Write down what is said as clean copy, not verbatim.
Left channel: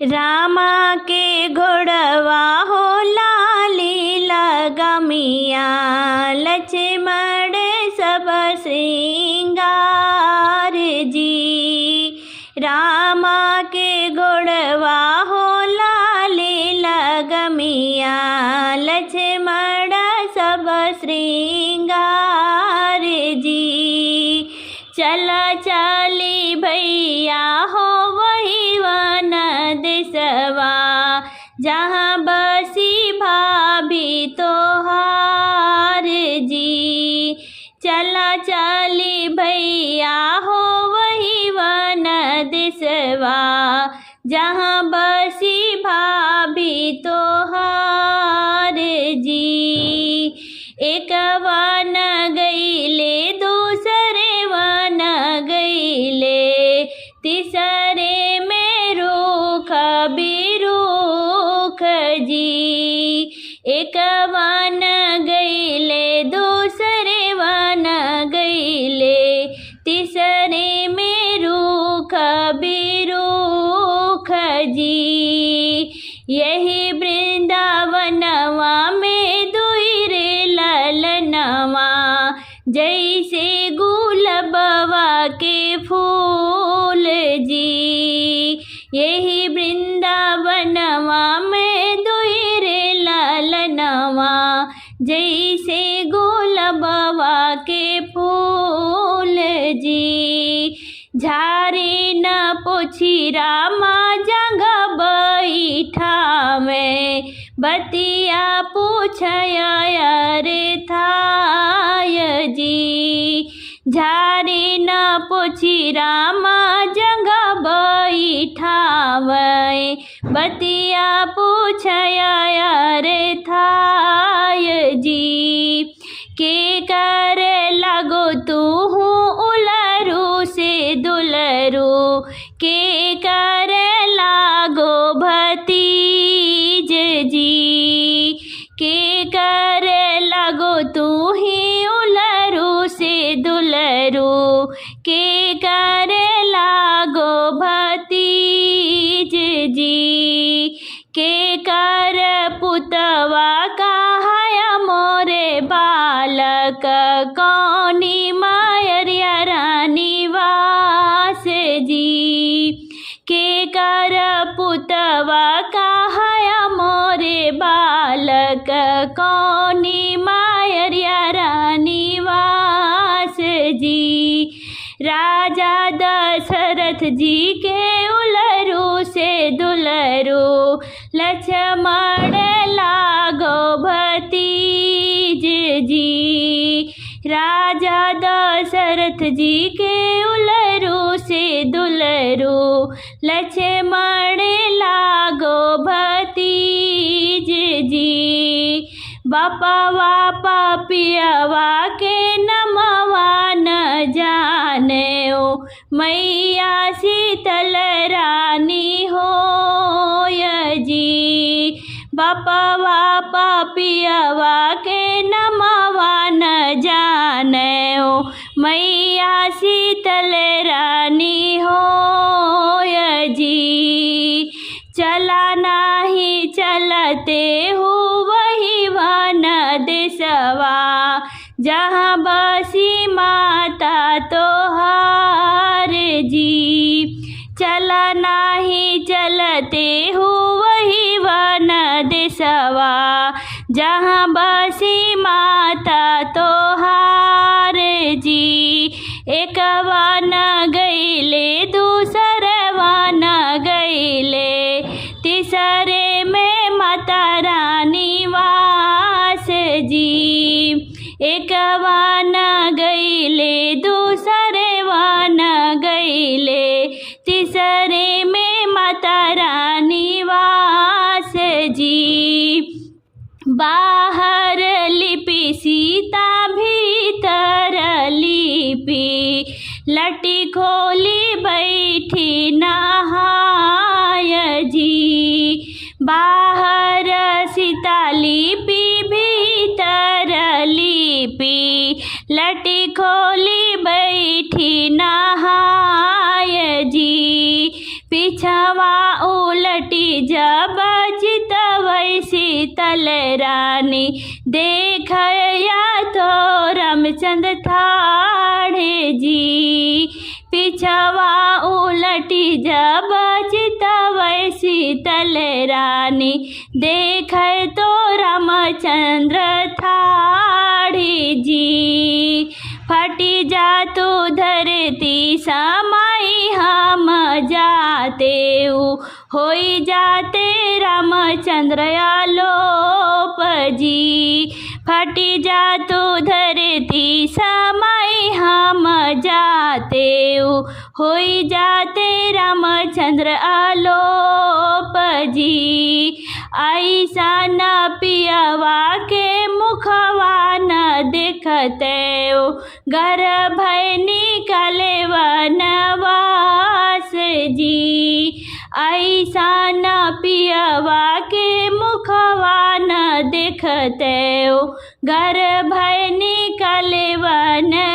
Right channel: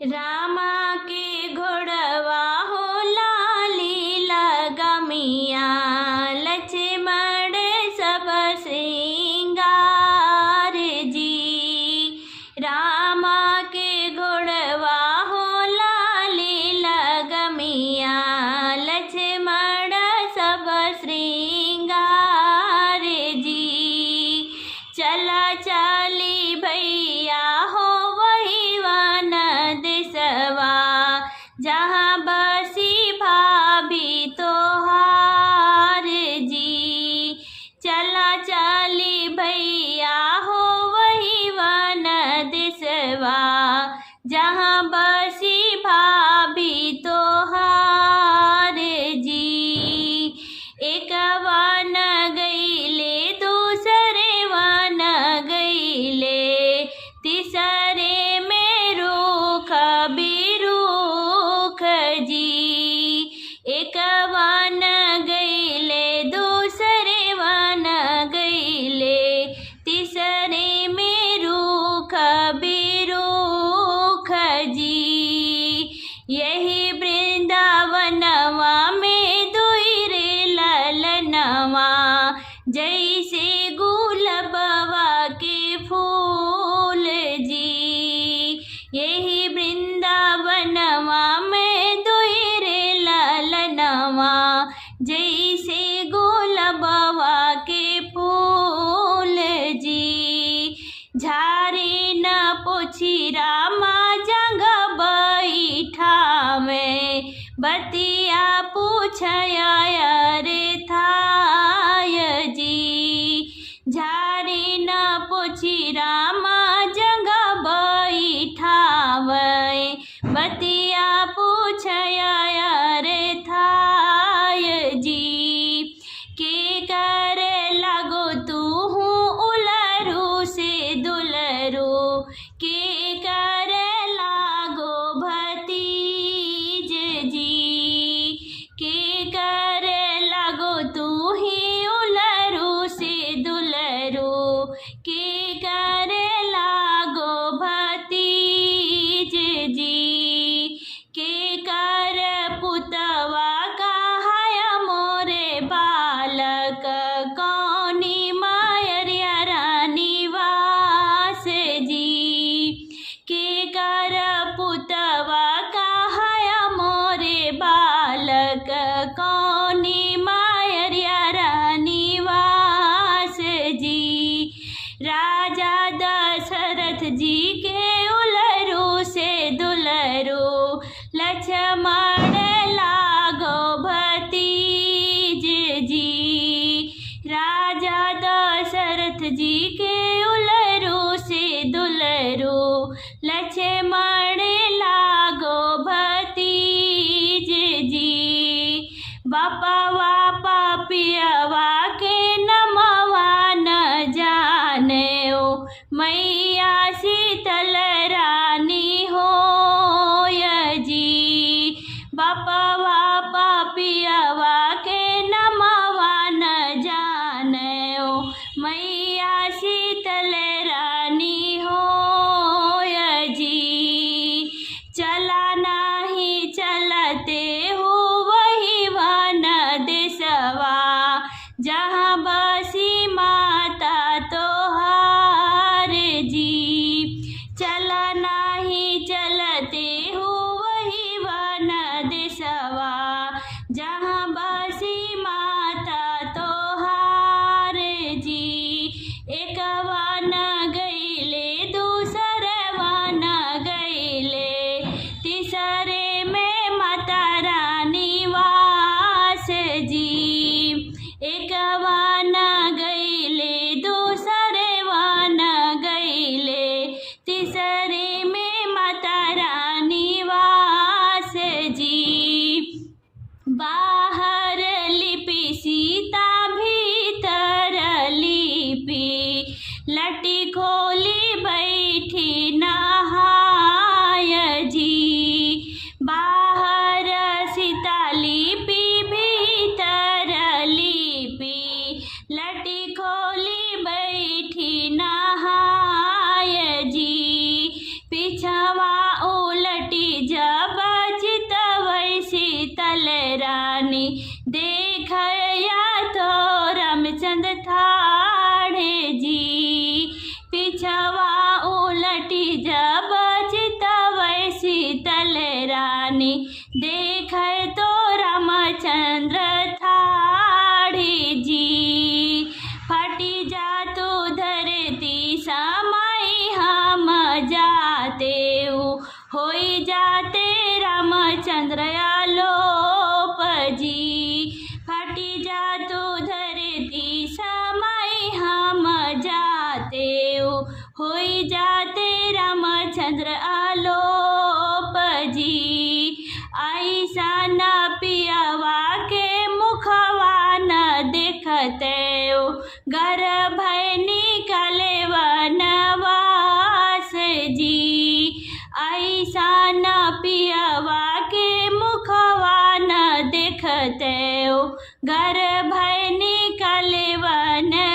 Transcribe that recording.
रामा के घोड़वा हो लाली लगमिया, लक्ष्मण सब श्रृंगार जी। रामा के घोड़वा हो लाली लगमिया, लक्ष्मण सब श्रृंगार जी। चला चली भैया हो वही वन देशवा, जहाँ बसी भाभी तोहार जी। चला चली भैया हो वही वन देशवा, जहाँ बसी भाभी तोहार जी। एक वन गईले दूसरे वन गईले, तीसरे में रूख बिरूख जी। एक वन गईले दूसरे वन गईले, तीसरे में रूख बिरूख जी। यही वृंदावनवा में दुई रे ललनवा, जैसे गुलाबवा के फूल जी। यही वृंदावनवा में दुई रे ललनवा, जैसे गुलाबवा के फूल जी। झारे न पोछी रामा जगह बैठावे, बतिया पूछया रे थाय जी। झारे न पोछी रामा जगह बैठावे, बतिया पूछया रे थाय जी। के कर लगो तू उलरू से दुलरू, के कर लागो भतीज जी। के कर लगो तू ही उलरू से दुलरू, के कर लागो भतीज जी। के कर पुतवा कहाया मोरे बालक, कौनी मायरिया रानी वास जी। के कर पुतवा कहाया मोरे बालक, कौनी मायरिया रानी वास जी। राजा दशरथ जी के उलरू से दुलरू, लक्ष्मण लागो भतीज जी। राजा दशरथ जी के उलरू से दुलरू, लक्ष्मण लागो भतीज जी। बापवा पापियवा के नमवा न जाने ओ, मैया शीतल रानी होय जी। बापवा पापियवा के नमवा न जाने ओ, मैया शीतल रानी होय जी। चला नाही चलते हो वही वन देशवा, जहाँ बसी माता तोहार जी। चला नाही चलते हो वही वन देशवा, जहाँ बसी माता तोहार जी। एक वन गईले दूसरे वन गईले, तीसरे में माता रानी वास जी। एक वन गईले दूसरे वन गईले, तीसरे में माता रानी वास जी। बाहर लिपि सीता भीतर लिपि, लटी खोली बैठी नहाय जी। बाहर सीता लिपि भीतर लिपि, लटी खोली बैठी नहाय जी। पिछवा उलटी देखया तो रामचंद्र ठाणे जी, पिछवा उलटी जब चितवै शीतल रानी, देखे तो रामचंद्र ठाणे जी। फटी जातु धरती समाई हम जाते, होई जाते रामचंद्र आलोप जी। फटी जातु धरती समाई हम जाते, होई जाते रामचंद्र आलोप जी। ऐसा न पियवा के मुखवा न देखते, घर भय निकले वनवास जी। ऐसा न पियवा के मुखवा न देखते, घर भय निकले वनवास